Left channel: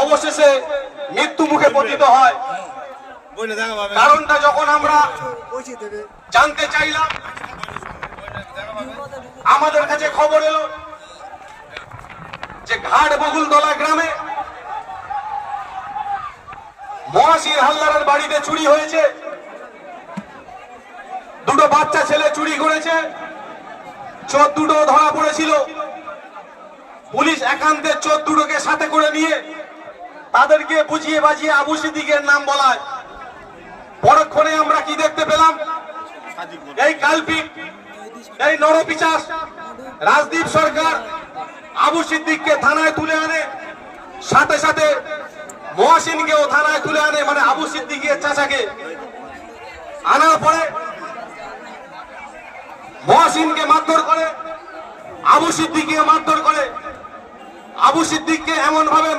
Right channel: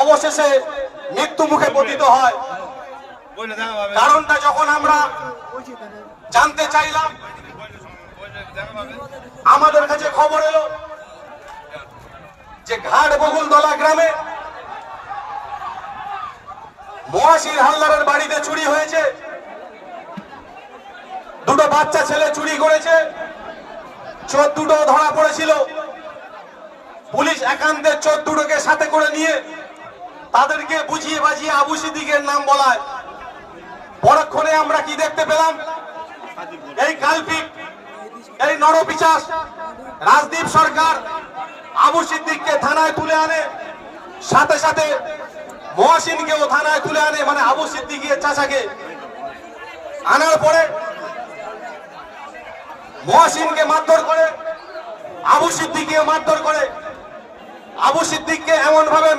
অবশেষে মৃত্যু মুখে পতিত হয়। কারণটা যখন আমরা জানতে চাইলাম, আমাদের কাছে খবর এলো যে ঘাট বকুলতলা গ্রামে মহাশির হালদারের বাড়িতে চুরি হয়েছে। দুটো বাচ্চা ছেলে চুরি করেছে, চোর দুটো ধরা পড়েছিল। পুলিশ একান্তের চোর দুটোকে সাথে করে নিয়ে তাদেরকে বুঝিয়ে বাজিয়ে আবু সিদ্দিকের নাম বলায়। পরক্ষণে আমরা কি দেখতে পেলাম, এই কালপিক, এই নরপিশাচ রাজদীপ সরকার আবু সিদ্দিককে থানায় তুলে আনে, সাথে সাথে মহসিনকেও থানায় তুলে আনে, মানে আবু সিদ্দিকের চাচাকে আনার পরে মহসিনকে মারধর করে, আবু সিদ্দিককে মারধর করে। আবু সিদ্দিককে এমন ভাবে